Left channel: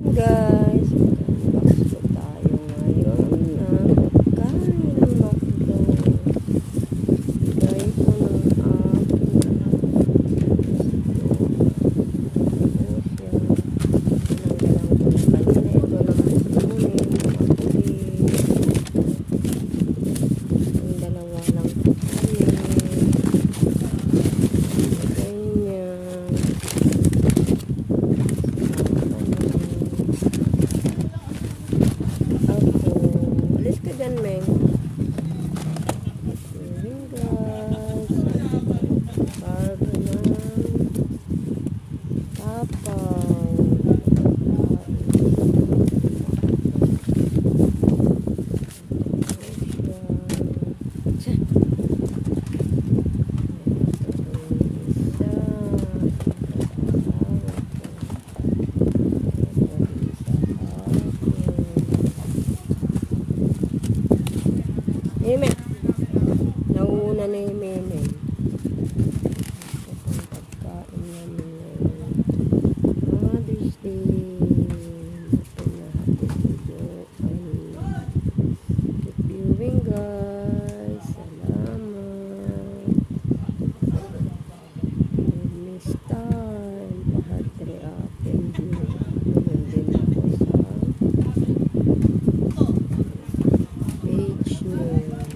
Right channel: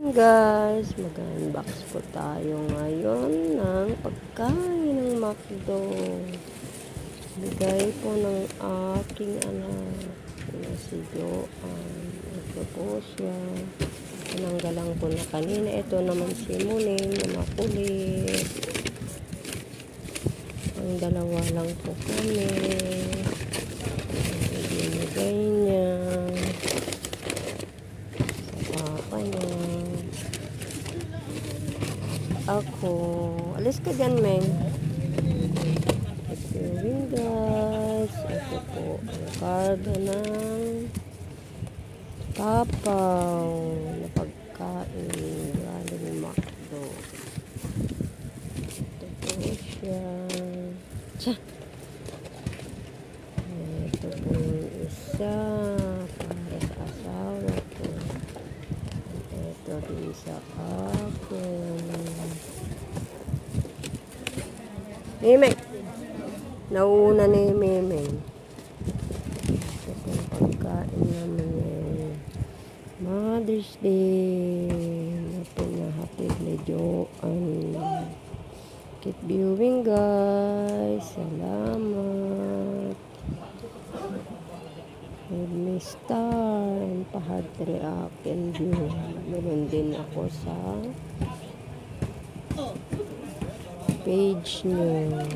Guys, mag-unbox po tayo ngayon ng pagkain ng McDo. Bigay po ng aking anak si Joan. Ito po siya. Tinanggalan ko na kanina. Ito naman si Munin na makulit. Ang dalawa lang po kami. Bigay niya. Ako. Alis ka dyan, Meng. Ayun, guys. Ito po. Karga ng papaw. Pagkain. Pagkain McDo. Ito siya. Tiyan. Ito po yung isa. Asawa ko. Ito rin sa Meme. Nauna na yung Meme. Ito pong pagkain namin ngayon. Mother's Day. Ito na hatid ni Joan. Keep viewing, guys. Salamat. Give me star and pa-heart react and view. Naman din ako sa page niyo.